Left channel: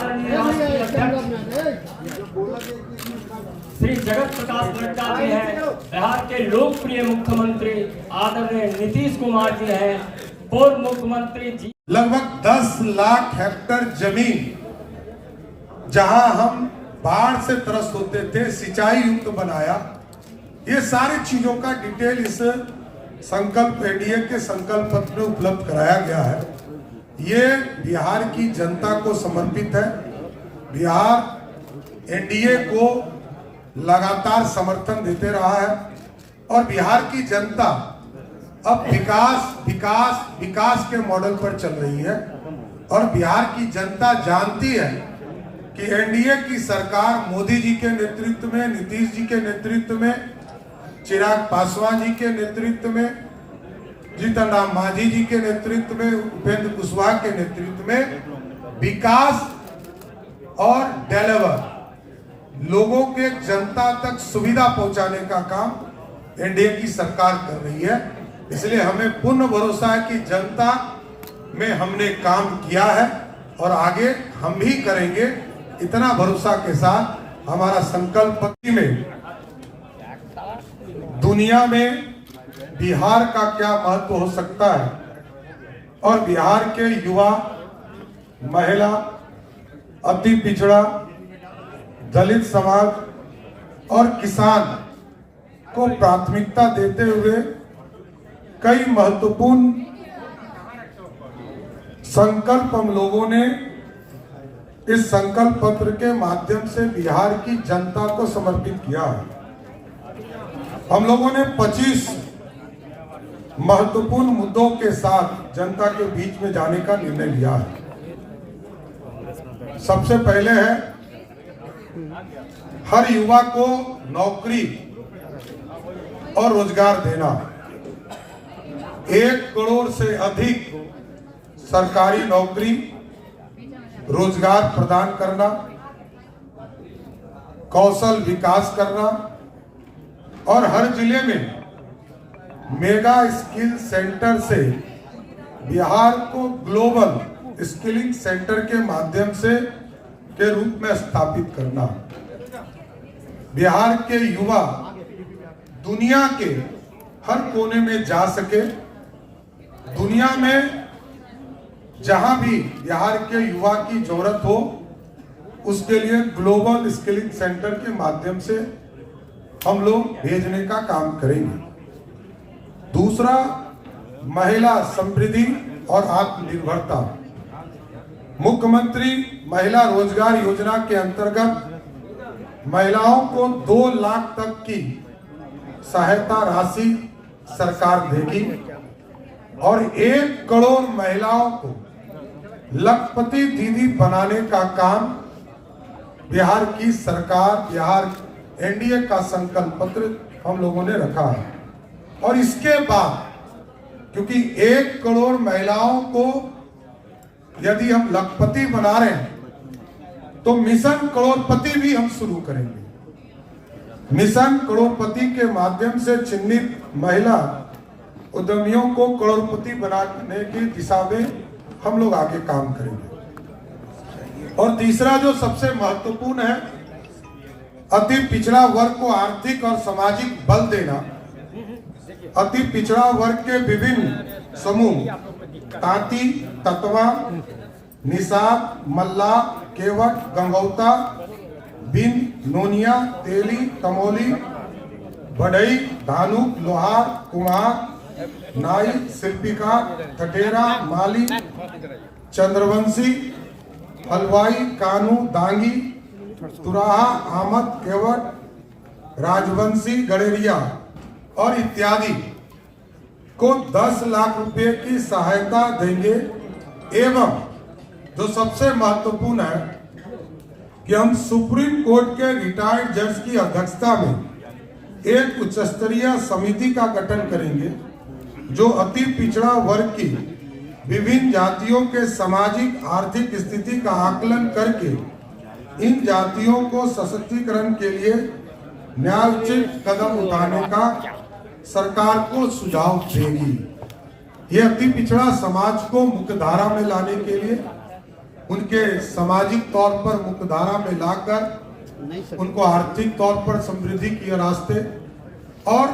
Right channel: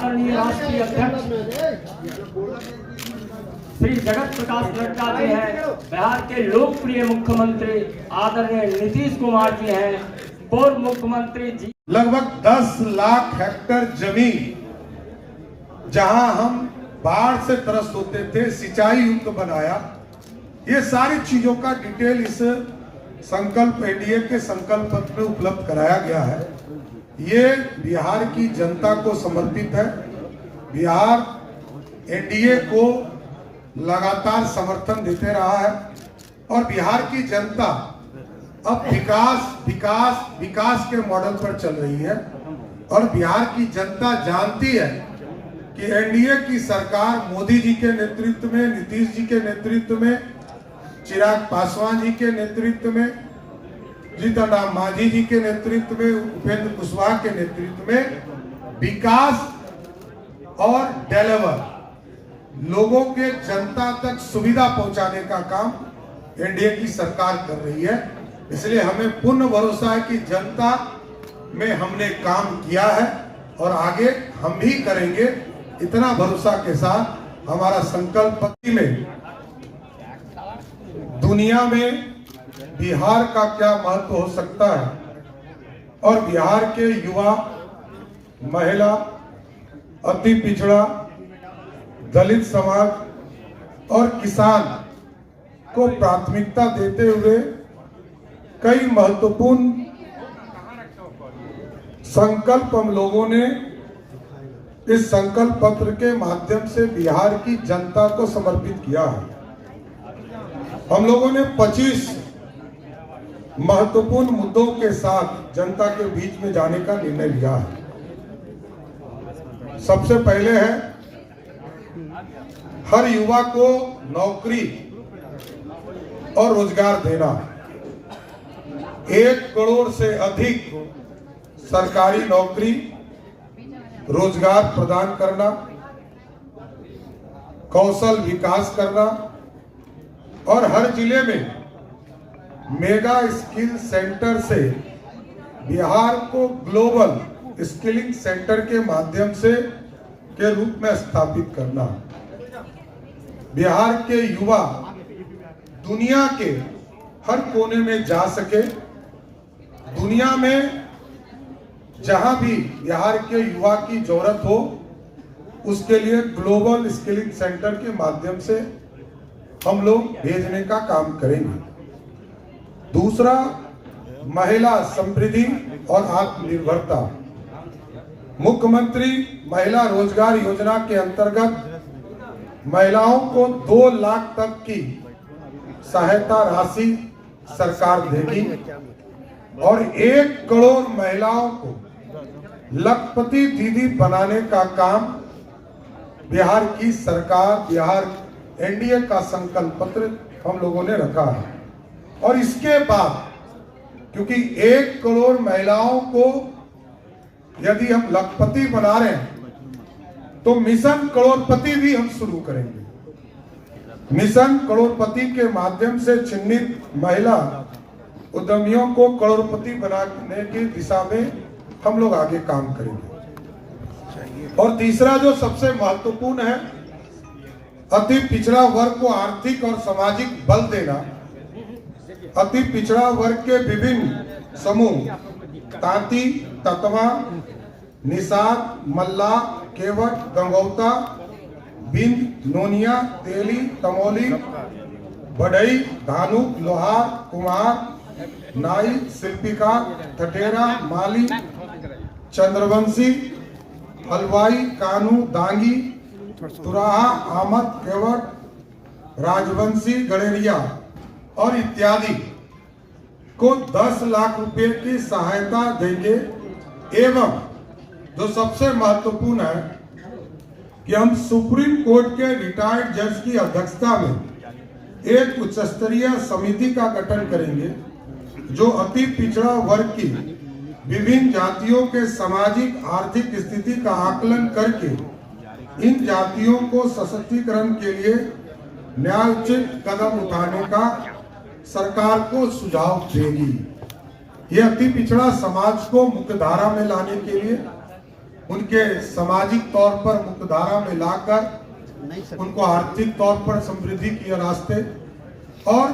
आदरणीय राष्ट्रीय अध्यक्ष श्री जगत प्रकाश नड्डा जी हैं, बिहार के लोकप्रिय मुख्यमंत्री आदरणीय नीतीश कुमार जी हैं, पूर्व मुख्यमंत्री जी। लगभग 10 लाख हेक्टेयर जमीन जहां हम बाढ़ से त्रस्त होते थे, सिंचाई युक्त बनाया। ये सारी चीजों का डिटेल इस संकल्प एनडीए के संकल्प पत्र में उपलब्ध कराया गया है। ये बिहार की जनता को समर्पित है। बिहार एनडीए को लगातार समर्थन देते रहा है और बिहार की जनता अब विकास विकास विकास के मॉडल पर चल रही है और बिहार की जनता जानती है कि एनडीए की सरकार मोदी जी के नेतृत्व में, नीतीश जी के नेतृत्व में, चिराग पासवान जी के नेतृत्व में, जीतन राम मांझी जी के नेतृत्व में, उपेंद्र कुशवाहा के नेतृत्व में विकास और डेवलप लोगों के जनता तक सुविधा पहुंचाने का काम एनडीए की सरकार कर रही है। इसलिए हमें पूर्ण भरोसा है कि जनता में हमने काम किया है और आगे हम भी करेंगे। इतना भरोसा के साथ हमारा संकल्प पत्र में दुनिया में बिहार का क्या महत्व हो सकता है और बिहार के युवा, महिला, अति पिछड़ा, दलित समाज और किसान को प्राथमिकता देते हुए कई महत्वपूर्ण संकल्प हम लोगों ने इस संकल्प पत्र के माध्यम से बिहार की जनता को समर्पित किया है। हम लोगों ने 25 महत्वपूर्ण मुद्दों के साथ जनता के बीच में जाने का निर्णय लिया है। सबसे पहले है हर युवा को नौकरी और रोजगार देना। 1 करोड़ से अधिक सरकारी नौकरी, रोजगार प्रदान करना, कौशल विकास करना और हर जिले में मेगा स्किल सेंटर से बिहार को ग्लोबल स्किलिंग सेंटर के माध्यम से के रूप में स्थापित करना। बिहार के युवा दुनिया के हर कोने में जा सके। दुनिया में जहां भी बिहार के युवा की जरूरत हो उसके लिए ग्लोबल स्किलिंग सेंटर के माध्यम से हम लोग भेजने का काम करेंगे। दूसरा, महिला समृद्धि और आत्मनिर्भरता। मुख्यमंत्री महिला रोजगार योजना के अंतर्गत महिलाओं को 2 लाख तक की सहायता राशि सरकार देगी और 1 करोड़ महिलाओं को लखपति दीदी बनाने का काम बिहार की सरकार, बिहार एनडीए का संकल्प पत्र हम लोगों ने रखा है। और इसके बाद क्योंकि 1 करोड़ महिलाओं को यदि हम लखपति बना रहे हैं तो मिशन करोड़पति भी हम शुरू करेंगे। मिशन करोड़पति के माध्यम से चिन्हित महिला उद्यमियों को करोड़पति बनाने की दिशा में हम लोग आगे काम करेंगे। और तीसरा जो सबसे महत्वपूर्ण है, अति पिछड़ा वर्ग को आर्थिक और सामाजिक बल देना। अति पिछड़ा वर्ग के विभिन्न समूह तांती, ततवा, निषाद, मल्ला, केवट, गंगौता, बिंद, नोनिया, तेली, तमोली, बढ़ई, धानुक, लोहार, कुमार, नाई, शिल्पिकार, ठठेरा, माली, चंद्रवंशी, हलवाई, कानू, दांगी, तुराहा, आमद, केवट, राजवंशी, गड़ेरिया और इत्यादि को 10 लाख रुपए की सहायता देंगे। एवं जो सबसे महत्वपूर्ण है कि हम सुप्रीम कोर्ट के रिटायर्ड जज की अध्यक्षता में एक उच्च स्तरीय समिति का गठन करेंगे जो अति पिछड़ा वर्ग की विभिन्न जातियों के सामाजिक आर्थिक स्थिति का आकलन करके इन जातियों को सशक्तिकरण के लिए न्यायोचित कदम उठाने का सरकार को सुझाव देगी। यह अति पिछड़ा समाज को मुख्य धारा में लाने के लिए उनके सामाजिक तौर पर मुख्यधारा में लाकर उनको आर्थिक तौर पर समृद्धि के रास्ते और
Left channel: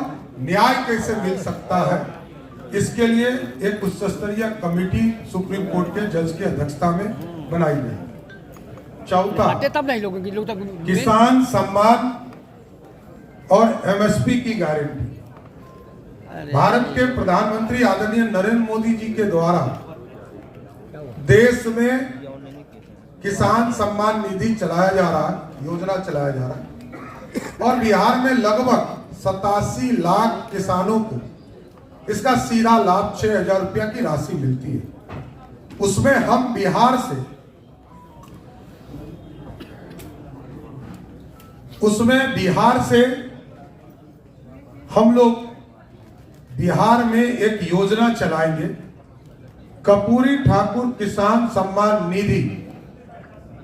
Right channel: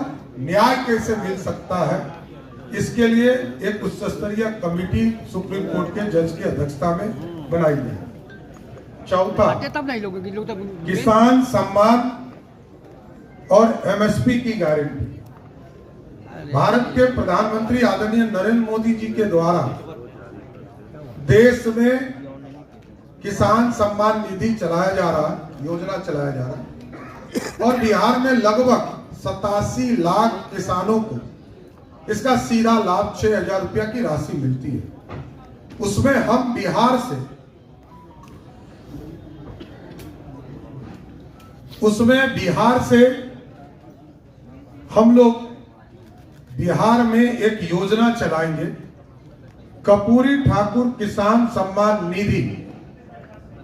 न्याय कैसे मिल सकता है, इसके लिए एक उच्च स्तरीय कमेटी सुप्रीम कोर्ट के जज की अध्यक्षता में बनाई गई। चौथा, किसान सम्मान और एमएसपी की गारंटी। भारत के प्रधानमंत्री आदरणीय नरेंद्र मोदी जी के द्वारा देश में किसान सम्मान निधि चलाया जा रहा है, योजना चलाया जा रहा है, और बिहार में लगभग 87 लाख किसानों को इसका सीधा लाभ 6,000 रुपया की राशि मिलती है। उसमें हम बिहार से हम लोग बिहार में एक योजना चलाएंगे, कर्पूरी ठाकुर किसान सम्मान निधि।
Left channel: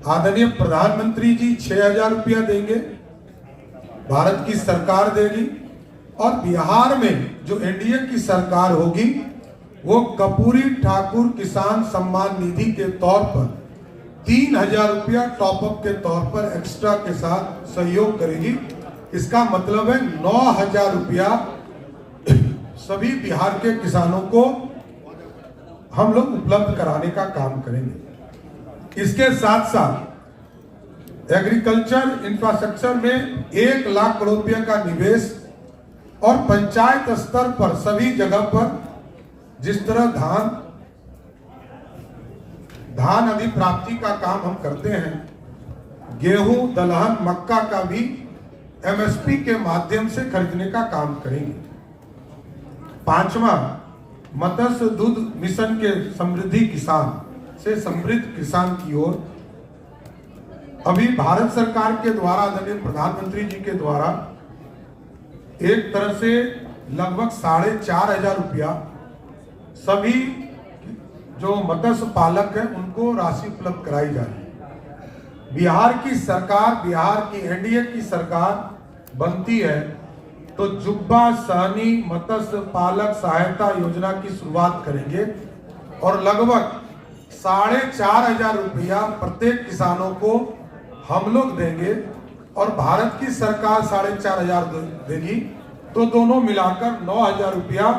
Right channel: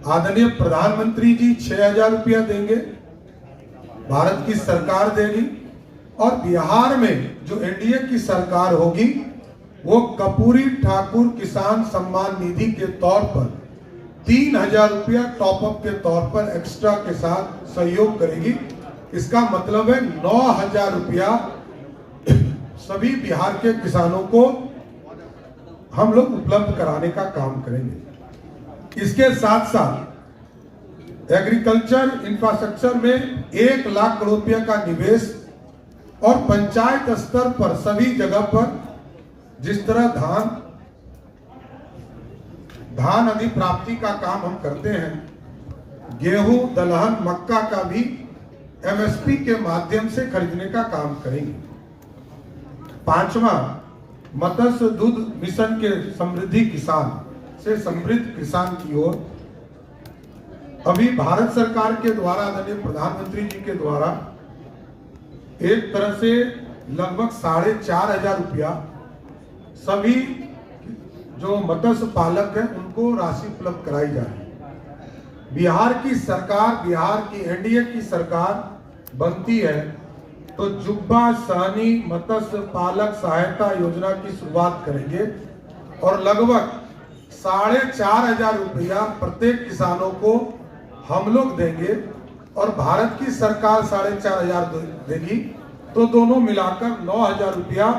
आदरणीय प्रधानमंत्री जी 6,000 रुपया देंगे, भारत की सरकार देगी, और बिहार में जो एनडीए की सरकार होगी वो कर्पूरी ठाकुर किसान सम्मान निधि के तौर पर 3,000 रुपया टॉपअप के तौर पर एक्स्ट्रा के साथ सहयोग करेगी। इसका मतलब है 9,000 रुपया सभी बिहार के किसानों को हम लोग उपलब्ध कराने का काम करेंगे। इसके साथ साथ एग्रीकल्चर इंफ्रास्ट्रक्चर में 1 लाख करोड़ रुपया का निवेश, और पंचायत स्तर पर सभी जगह पर जिस तरह धान अधिप्राप्ति का काम हम करते हैं, गेहूं, दलहन, मक्का का भी एमएसपी के माध्यम से खरीदने का काम करेंगे। 5वां, मत्स्य दूध मिशन के समृद्धि किसान से समृद्ध किसान की ओर अभी भारत सरकार के द्वारा, आदरणीय प्रधानमंत्री जी के द्वारा एक तरह से लगभग 4,500 रुपया सभी जो मत्स्य पालक है उनको राशि उपलब्ध कराई जा रही है। बिहार की सरकार, बिहार की एनडीए की सरकार बनती है तो जुब्बा सहनी मत्स्य पालक सहायता योजना की शुरुआत करेंगे, और लगभग 4,500 रुपया प्रत्येक किसानों को हम लोग देंगे, और भारत की सरकार 4,500 देगी, तो दोनों मिलाकर 9,000 रुपया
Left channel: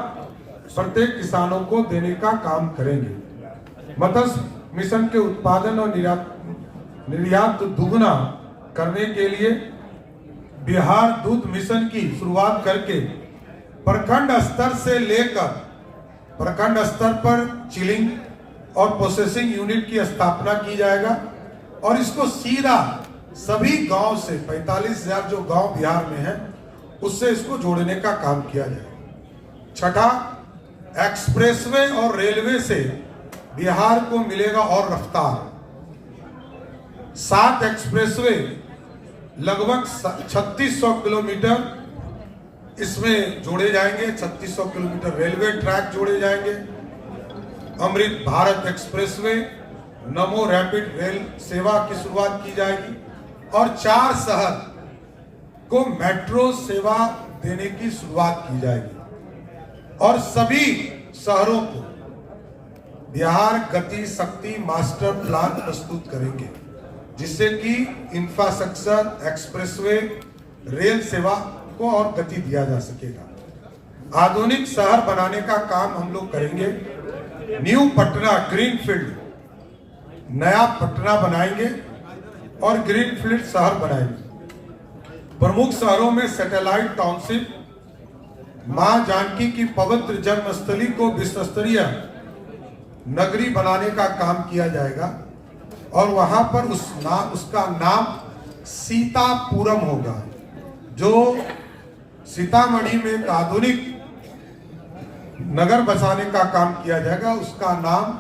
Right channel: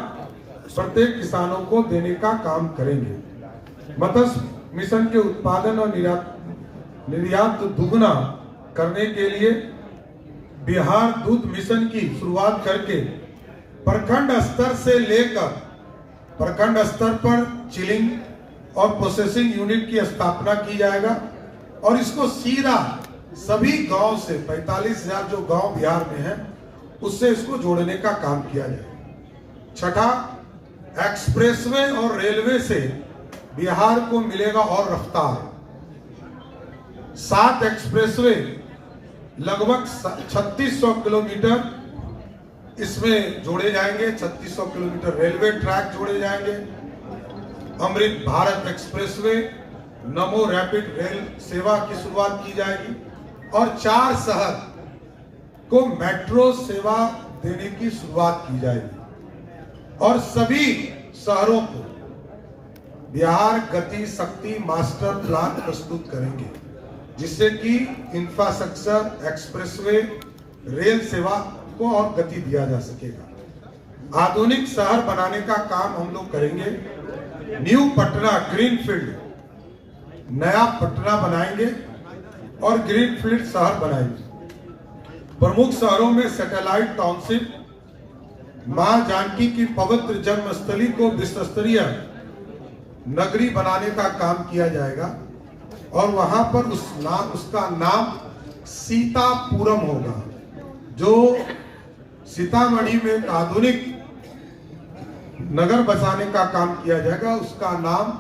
प्रत्येक किसानों को देने का काम करेंगे। मत्स्य मिशन के उत्पादन और निर्यात दुगुना करने के लिए बिहार दूध मिशन की शुरुआत करके प्रखंड स्तर से लेकर प्रखंड स्तर पर चिलिंग और प्रोसेसिंग यूनिट की स्थापना की जाएगा, और इसको सीधा सभी गांव से 45,000 जो गांव बिहार में है उससे इसको जोड़ने का काम किया जाएगा। छठा, एक्सप्रेसवे और रेलवे से बिहार को मिलेगा और रफ्तार। 7 एक्सप्रेसवे लगभग 3600 किलोमीटर इसमें जोड़े जाएंगे, 3600 किलोमीटर रेलवे ट्रैक जोड़े जाएंगे। अमृत भारत एक्सप्रेसवे, नमो रैपिड रेल सेवा की शुरुआत की जाएगी, और 4 शहर को मेट्रो सेवा देने की शुरुआत की जाएगी, और सभी शहरों को बिहार गति शक्ति मास्टर प्लान प्रस्तुत करेंगे, जिससे कि इंफ्रास्ट्रक्चर, एक्सप्रेसवे, रेल सेवा को और गति दिया जा सकेगा। आधुनिक शहर बनाने का काम हम लोग करेंगे। न्यू पटना ग्रीनफील्ड, नया पटना बनाएंगे और ग्रीनफील्ड शहर बनाएंगे। प्रमुख शहरों में सैटेलाइट टाउनशिप, मां जानकी की पवित्र जन्मस्थली को विश्व स्तरीय नगरी बनाने का काम किया जाएगा, और वहां पर उसका नाम सीतापुरम होगा। जो सीतामढ़ी में एक आधुनिक नगर बसाने का काम किया जाएगा, उसका नाम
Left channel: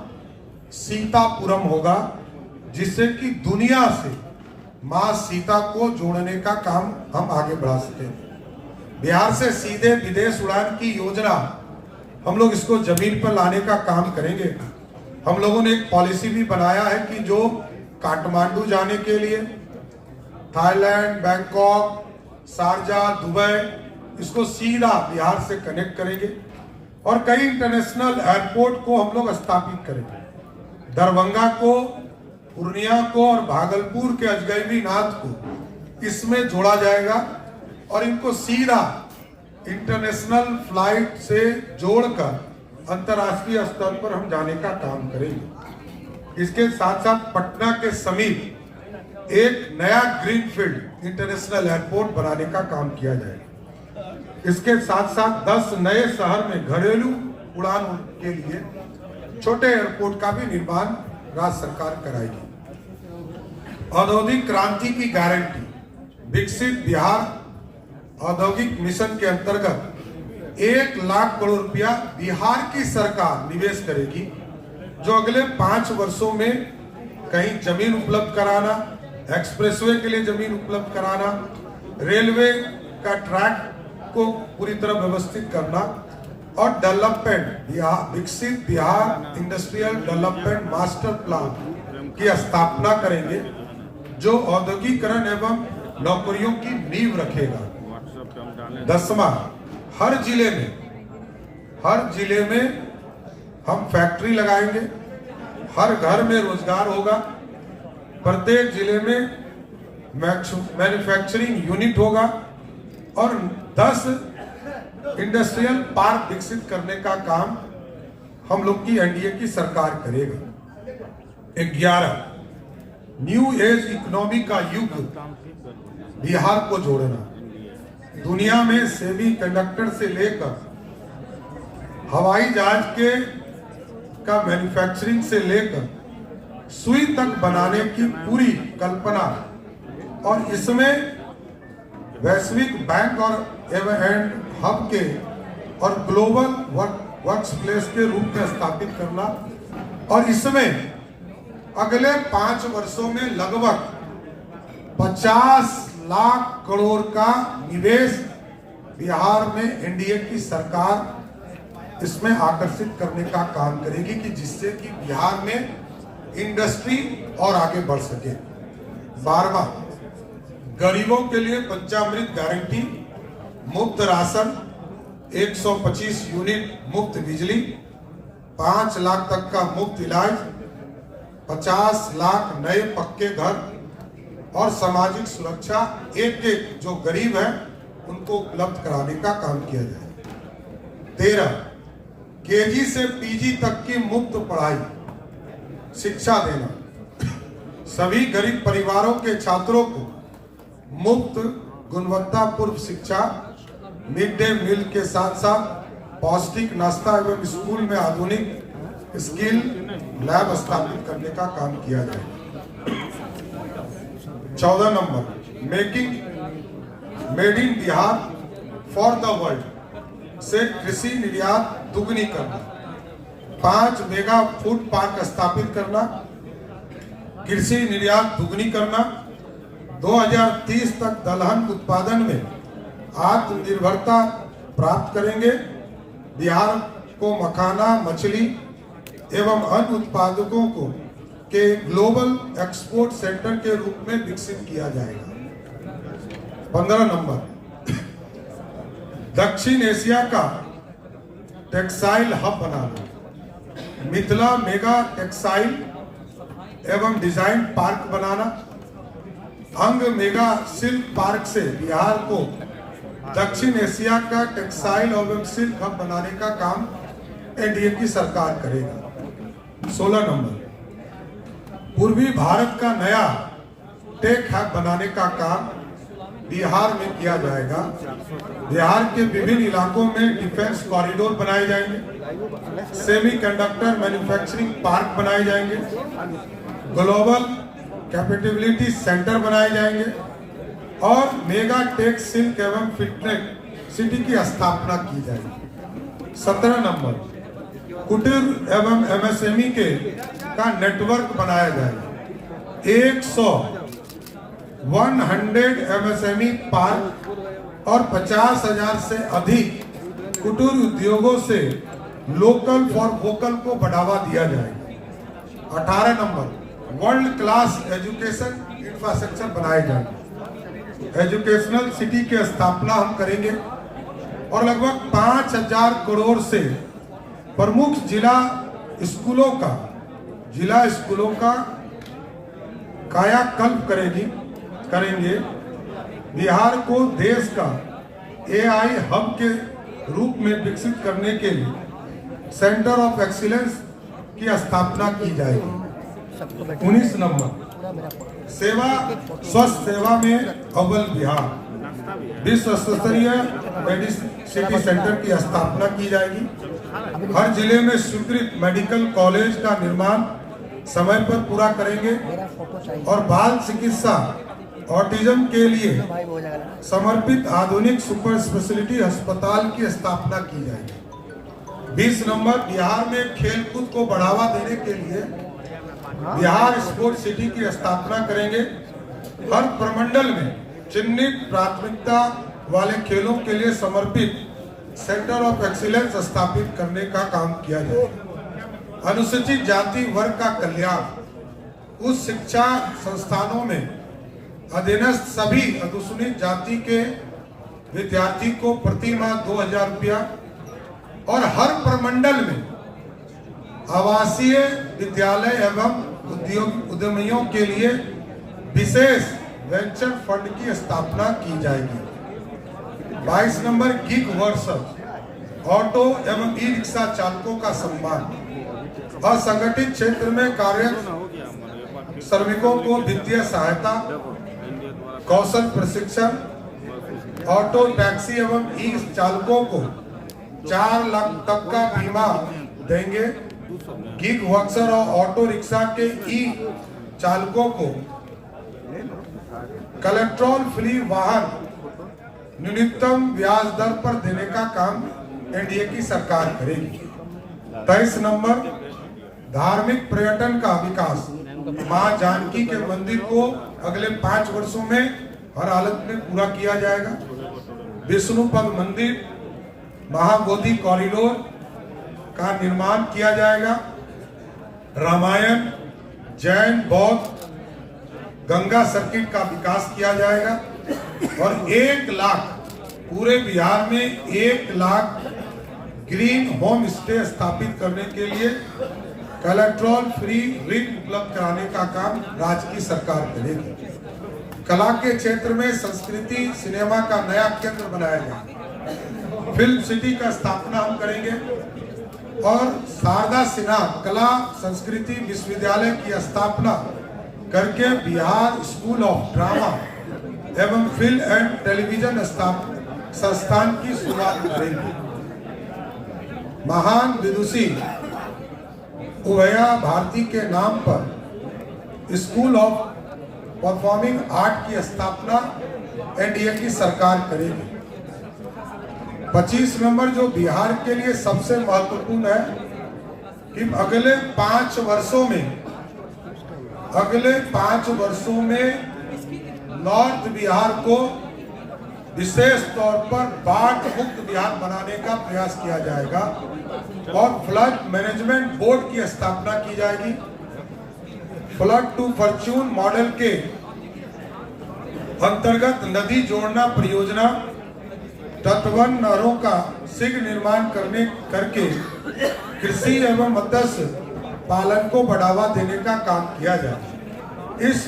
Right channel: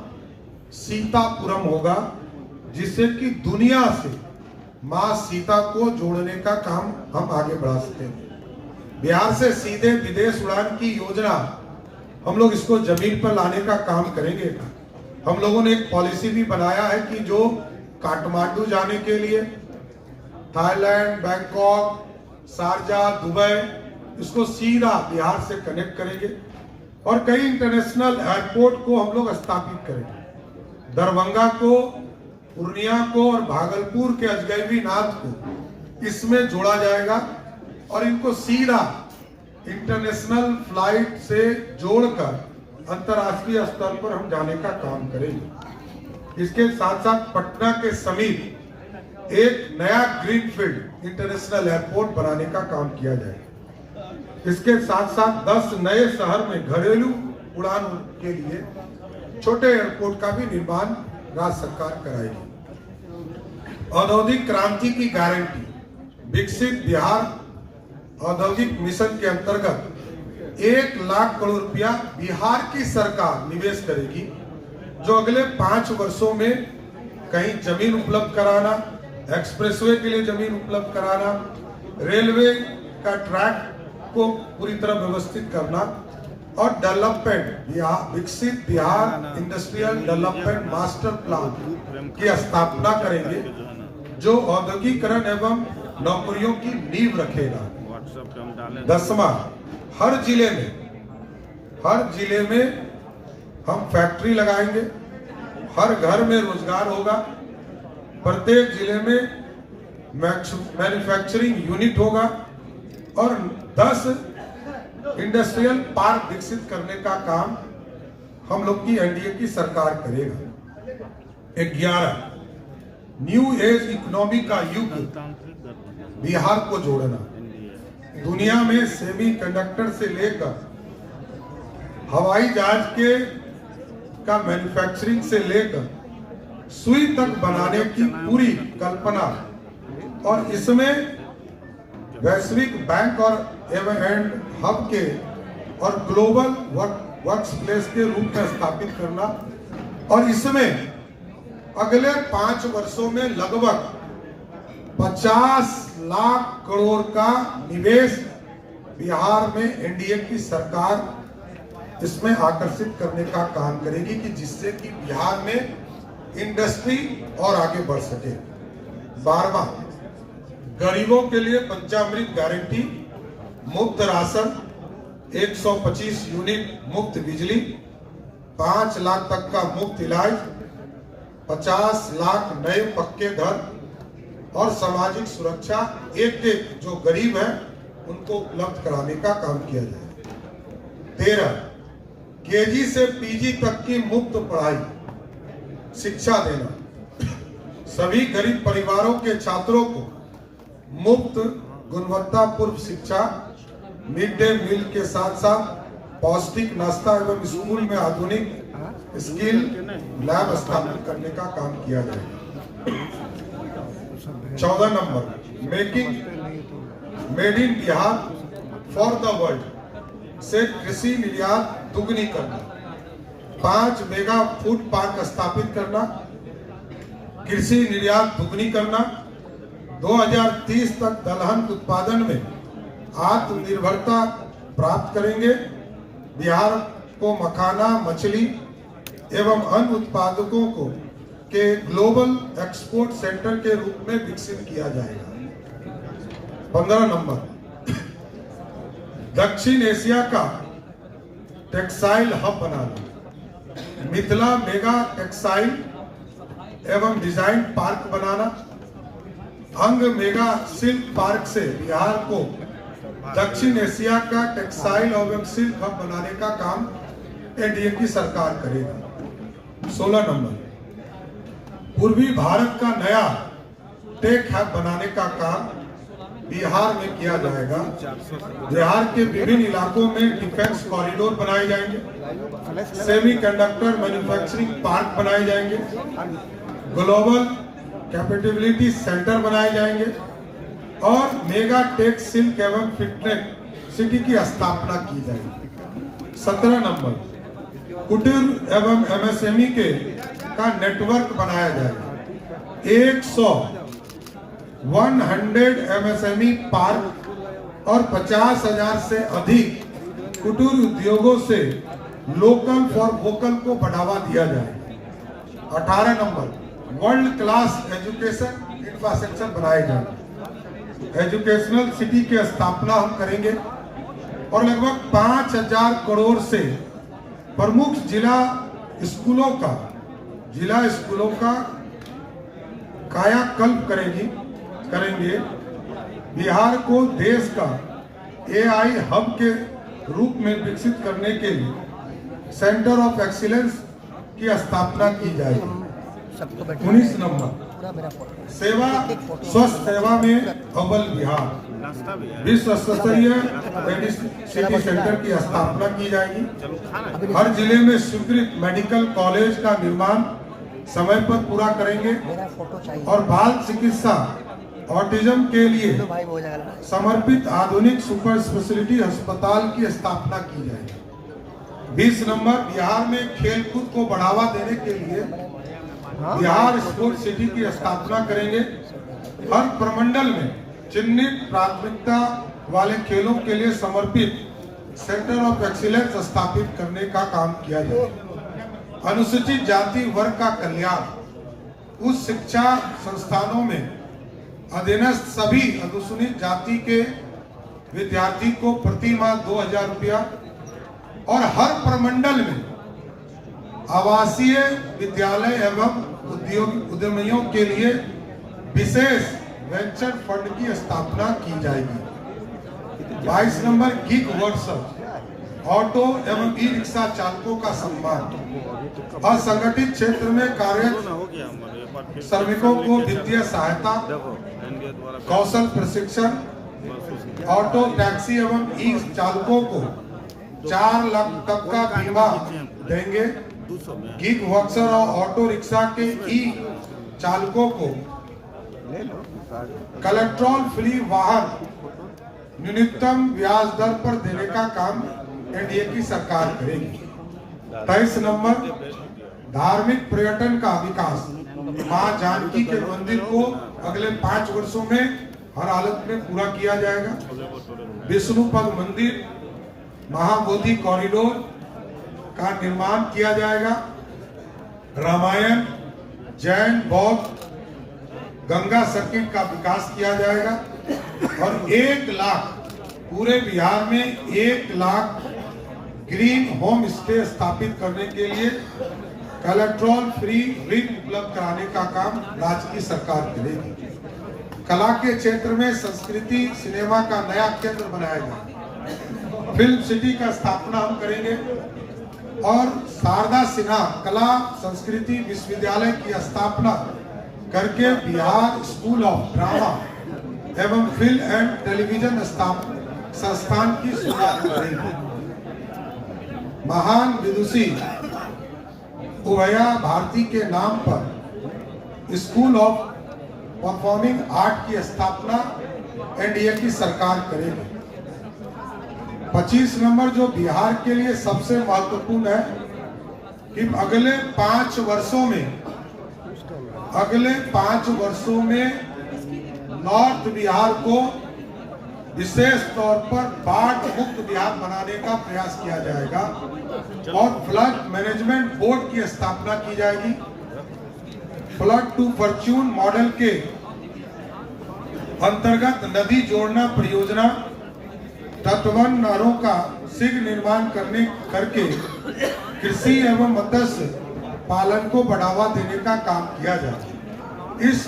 सीतापुरम होगा, जिससे कि दुनिया से मां सीता को जोड़ने का काम हम आगे बढ़ा सके। बिहार से सीधे विदेश उड़ान की योजना हम लोग इसको जमीन पर लाने का काम करेंगे। हम लोगों ने एक पॉलिसी भी बनाया है कि जो काठमांडू जाने के लिए थाईलैंड, बैंकॉक, शारजा, दुबई, इसको सीधा बिहार से कनेक्ट करेंगे, और कई इंटरनेशनल एयरपोर्ट को हम लोग स्थापित करेंगे। दरभंगा को पूर्णिया को और भागलपुर के अजगैबी नाथ को इसमें जोड़ा जाएगा और इनको सीधा इंटरनेशनल फ्लाइट से जोड़कर अंतर्राष्ट्रीय स्तर पर हम जाने का काम करेंगे। इसके साथ साथ पटना के समीप एक नया ग्रीनफील्ड इंटरनेशनल एयरपोर्ट बनाने का काम किया जाएगा। इसके साथ साथ 10 नए शहर में घरेलू उड़ान के लिए छोटे एयरपोर्ट का भी निर्माण राज्य सरकार कराएगी। औद्योगिक क्रांति की गारंटी विकसित बिहार औद्योगिक मिशन के अंतर्गत 1 लाख करोड़ रुपया बिहार की सरकार निवेश करेगी, जो अगले 5 वर्षों में कहीं जमीन उपलब्ध कराना, एक्सप्रेसवे के लिए जमीन उपलब्ध कराना, रेलवे का ट्रैक को पूरी तरह व्यवस्थित करना और डेवलपमेंट विकसित Bihar industrial development master plan की स्थापना करेंगे, जो औद्योगिकरण एवं नौकरियों की नींव रखेगा। 10वां, हर जिले में हम फैक्ट्री लगाएंगे, हर घर में रोजगार होगा, प्रत्येक जिले में मैन्युफैक्चरिंग यूनिट होगा और 10 इंडस्ट्रियल पार्क विकसित करने का काम हम लोग की एनडीए की सरकार करेगा। 11, न्यू एज इकोनॉमी का युग बिहार को जोड़ना। दुनिया में सेमी कंडक्टर से लेकर हवाई जहाज के का मैन्युफैक्चरिंग से लेकर सुई तक बनाने की पूरी कल्पना और इसमें वैश्विक बैंक और एंड हब के और ग्लोबल वर्क्स प्लेस के रूप में स्थापित करना और इसमें अगले 5 वर्षों में लगभग 50 लाख करोड़ का निवेश बिहार में एनडीए की सरकार इसमें आकर्षित करने का काम करेगी कि जिससे कि बिहार में इंडस्ट्री और आगे बढ़ सके। 12वां, गरीबों के लिए पंचामृत गारंटी, मुफ्त राशन, 125 यूनिट मुफ्त बिजली, 5 लाख तक का मुफ्त इलाज, 50 लाख नए पक्के घर और सामाजिक सुरक्षा एक जो गरीब है उनको उपलब्ध कराने का काम किया जाए। 13, केजी से पीजी तक की मुफ्त पढ़ाई शिक्षा देना, सभी गरीब परिवारों के छात्रों को मुफ्त गुणवत्तापूर्ण शिक्षा, मिड डे मील के साथ साथ पौष्टिक नाश्ता एवं स्कूल में आधुनिक स्किल लैब स्थापित करने का काम किया जाए। 14 number, made in Bihar for the world से कृषि निर्यात दुगनी करना, 5 मेगा फूड पार्क स्थापित करना, कृषि निर्यात दुगनी करना, 2030 तक दलहन उत्पादन में आत्मनिर्भरता प्राप्त करेंगे। बिहार को मखाना, मछली एवं अन्य उत्पादकों को के ग्लोबल एक्सपोर्ट सेंटर के रूप में विकसित किया जाएगा। 15 नंबर, दक्षिण एशिया का टेक्सटाइल हब बनाना, मिथिला मेगा टेक्सटाइल एवं डिजाइन पार्क बनाना, अंग मेगा सिल्क पार्क से बिहार को दक्षिण एशिया का टेक्सटाइल एवं सिल्क हब बनाने का काम एनडीए की सरकार करेगी। 16 नंबर, पूर्वी भारत का नया टेक हब बनाने का काम बिहार में किया जाएगा। बिहार के विभिन्न इलाकों में डिफेंस कॉरिडोर बनाए जाएंगे, सेमी कंडक्टर मैन्युफैक्चरिंग पार्क बनाए जाएंगे, ग्लोबल कैपेबिलिटी सेंटर बनाए जाएंगे और मेगा टेक सिल्क एवं फिटनेस सिटी की स्थापना की जाएगी। 17 नंबर, कुटीर एवं एमएसएमई के का नेटवर्क बनाया जाएगा। 100 एमएसएमई पार्क और 50,000 से अधिक कुटीर उद्योगों से लोकल फॉर वोकल को बढ़ावा दिया जाएगा। 18 number, world class education infrastructure बनाए जाएंगे। एजुकेशनल सिटी की स्थापना हम करेंगे और लगभग 5,000 करोड़ से प्रमुख जिला स्कूलों का कायाकल्प करेंगे। बिहार को देश का AI हब के रूप में विकसित करने के लिए सेंटर ऑफ एक्सीलेंस की स्थापना की जाएगी। 19 नंबर सेवा स्वस्थ सेवा में अव्वल बिहार, विश्व स्तरीय मेडिसिटी सेंटर की स्थापना की जाएगी। हर जिले में स्वीकृत मेडिकल कॉलेज का निर्माण समय पर पूरा करेंगे और बाल चिकित्सा ऑटिज्म के लिए समर्पित आधुनिक सुपर स्पेशलिटी अस्पताल की स्थापना की जाएगी। 20 नंबर बिहार में खेलकूद को बढ़ावा देने के लिए बिहार स्पोर्ट्स सिटी की स्थापना करेंगे। हर प्रमंडल में चिन्हित प्राथमिकता वाले खेलों के लिए समर्पित सेंटर ऑफ एक्सीलेंस स्थापित करने का काम किया जाएगा। अनुसूचित जाति वर्ग का कल्याण, उस शिक्षा संस्थानों में अधीनस्थ सभी अनुसूचित जाति के विद्यार्थी को प्रति माह 2000 रुपया और हर प्रमंडल में आवासीय विद्यालय एवं उद्यमियों के लिए विशेष वेंचर फंड की स्थापना की जाएगी। 22 नंबर गिग वर्कर्स, ऑटो एवं ई रिक्शा चालकों का सम्मान। असंगठित क्षेत्र में कार्यरत श्रमिकों को वित्तीय सहायता, कौशल प्रशिक्षण, ऑटो टैक्सी एवं ई चालकों को 4 लाख तक का बीमा देंगे। गिग वर्कर और ऑटो रिक्शा के ई चालकों को कोलेस्ट्रॉल फ्री वाहन न्यूनतम ब्याज दर पर देने का काम एनडीए की सरकार करेगी। 23 नंबर धार्मिक पर्यटन का विकास। मां जानकी के मंदिर को अगले 5 वर्षों में हर हालत में पूरा किया जाएगा। विष्णुपद मंदिर, महाबोधि कॉरिडोर का निर्माण किया जाएगा। रामायण, जैन, बौद्ध, गंगा सर्किट का विकास किया जाएगा और 1 लाख पूरे बिहार में 1 लाख ग्रीन होम स्टे स्थापित करने के लिए कोलेस्ट्रॉल फ्री ऋण उपलब्ध कराने का काम राज्य की सरकार करेगी। कला के क्षेत्र में संस्कृति सिनेमा का नया केंद्र बनाया जाएगा। फिल्म सिटी का स्थापना हम करेंगे और शारदा सिन्हा कला संस्कृति विश्वविद्यालय की स्थापना करके बिहार स्कूल ऑफ ड्रामा एवं फिल्म एंड टेलीविजन संस्थान की शुरुआत करेंगे। महान विदुषी उभया भारती के नाम पर स्कूल ऑफ परफॉर्मिंग आर्ट की स्थापना एनडीए की सरकार करेगी। 25 नंबर जो बिहार के लिए सबसे महत्वपूर्ण है कि अगले 5 वर्षों में नॉर्थ बिहार को विशेष तौर पर बाढ़ मुक्त बिहार बनाने का प्रयास किया जाएगा और फ्लड मैनेजमेंट बोर्ड की स्थापना की जाएगी। फ्लड टू फॉर्च्यून मॉडल के अंतर्गत नदी जोड़ना परियोजना, तटवर्ती नहरों का शीघ्र निर्माण करके कृषि एवं मत्स्य पालन को बढ़ावा देने का काम किया जाए। इस